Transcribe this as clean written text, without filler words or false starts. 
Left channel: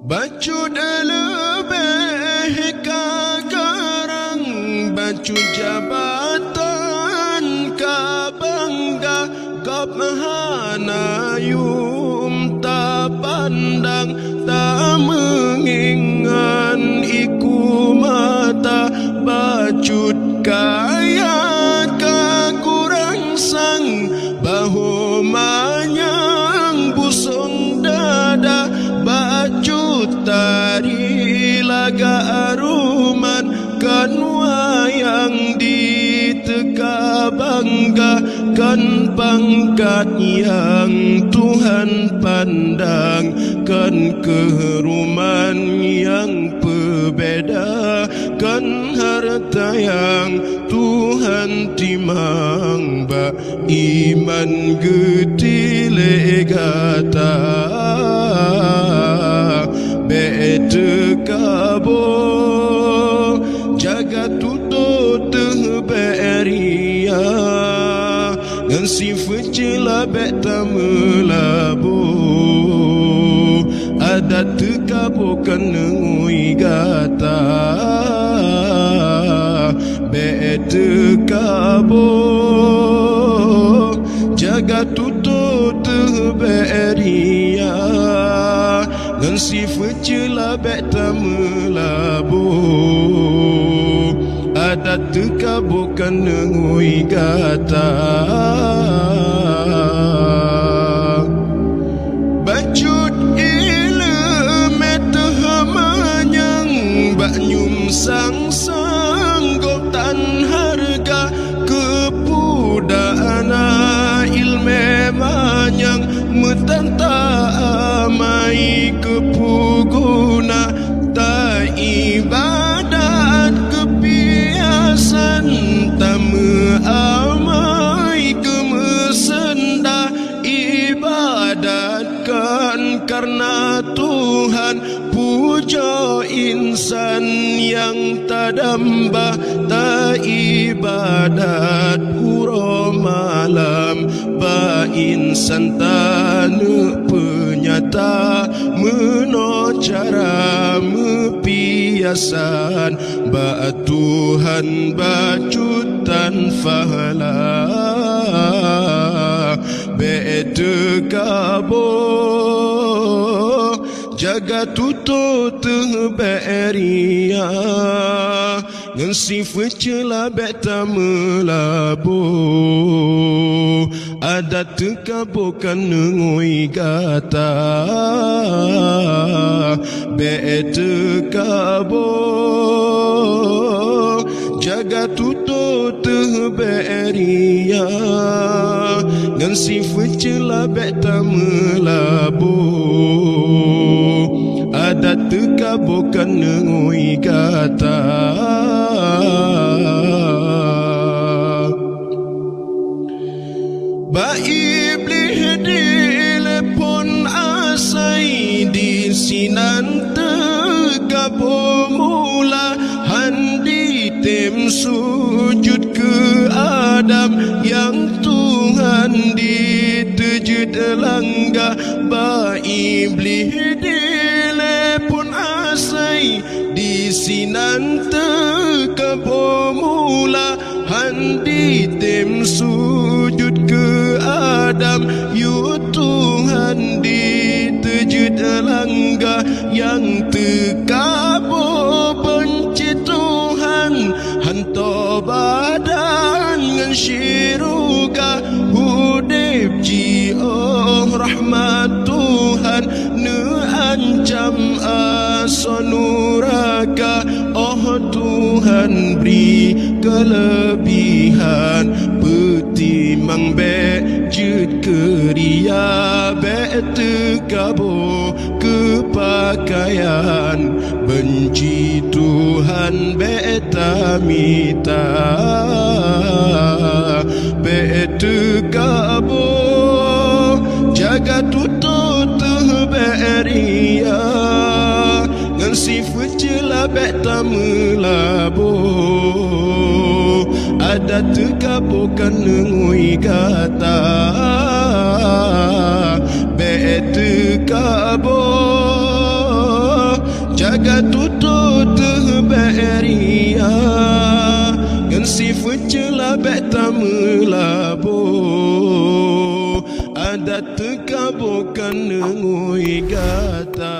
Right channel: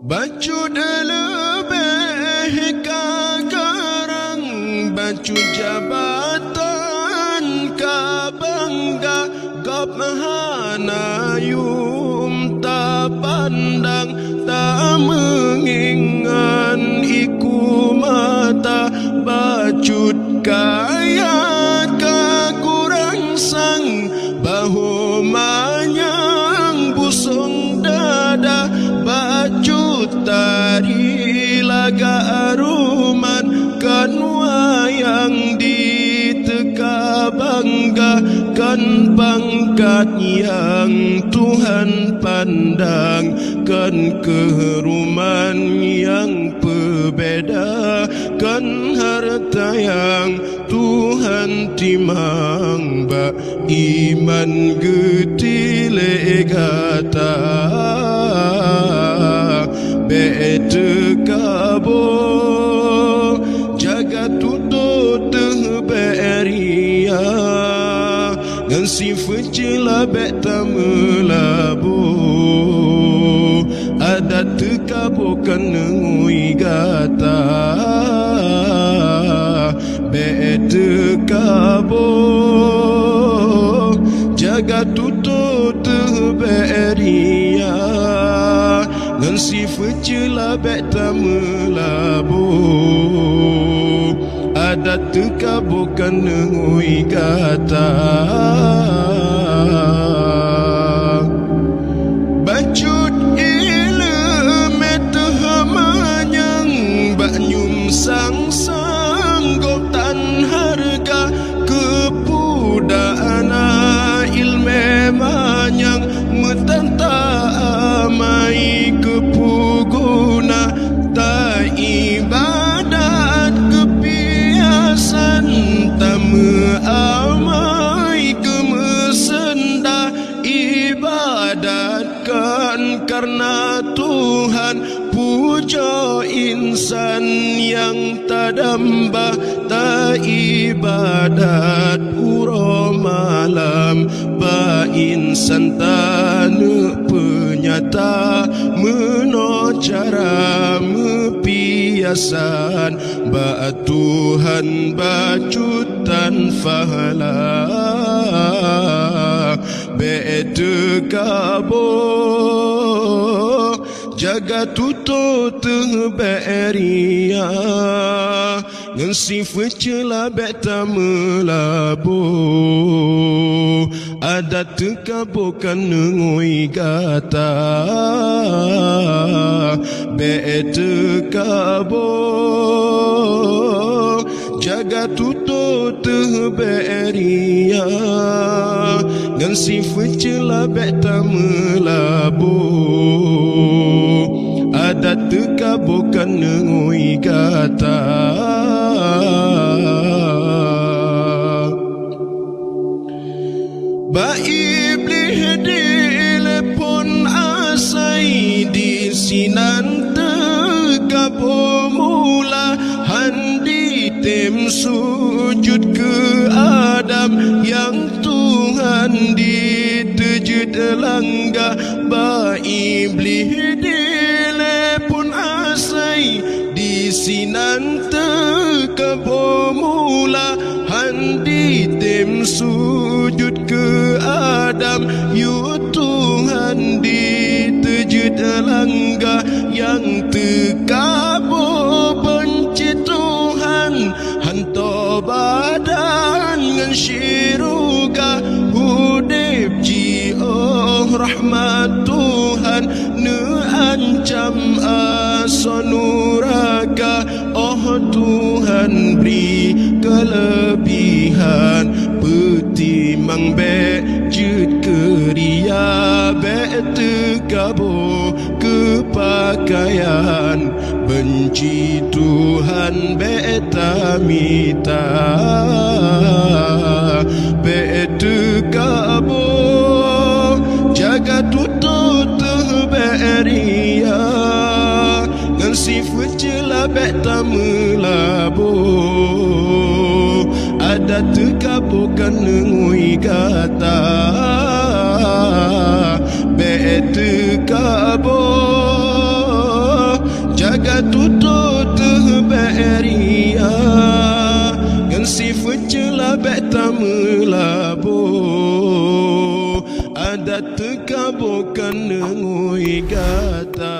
Bacut lebih kagarang, bacut jabatan ka bangga, gap hanayum ta pandang, tak mengingan iku mata, bacut kaya ka kurang sang, bahu manyang busung dada, bacut tari laga aruman, kan wayang diteka bangga, kan pangkat yang Tuhan pandang, kan keharuman yang berbeda, kan harta yang Tuhan timang, ba iman getile gata bete kabo jaga tutut beria ngan si fecila beta melabo ada tekabo kanengui gata bete kabo jaga tutut beria ngan si fecila beta melabo ada teka bukan nengui gata bacut ilmu tehamanyang banyum sang gotan harga kepudana ilme manyang metanta amai kepuguna ta ibadat kebiasan tamu amai kemesenda ibadatkan karena Tuhan puja insan yang tadambah ta ibadat uro malam ba insan tanu penyata meno cara mepiasan ba Tuhan bacutan fahala bete kabo jaga tutut beria ngan si fecela beta melabo ada tekabo kan nengui gata bete kabo jaga tutut beria ngan si fecela beta melabo ada teka bukan nengui gata ba iblis dilepon asai di sinan teka pemula handi tem sujud ke Adam yang Tuhan ditejud langga ba iblis dilepon asai di sinan teka pemula handi tem sujud ke Adam yu Tuhan ditejud langga yang tekabo benci Tuhan hanto badan ngan syiruga hudib ji rahmat Tuhan ne ancam asonuraka Tuhan beri kelebihan petimang bejut keria betekabo kepakaian benci Tuhan betamita betekabo jaga tutut beria ngan si fecela beta melabo ada tekabo kan nengui gata betekabo gaga tuto terberia ngan si fucela beta melabo ada tekabokan ngui gata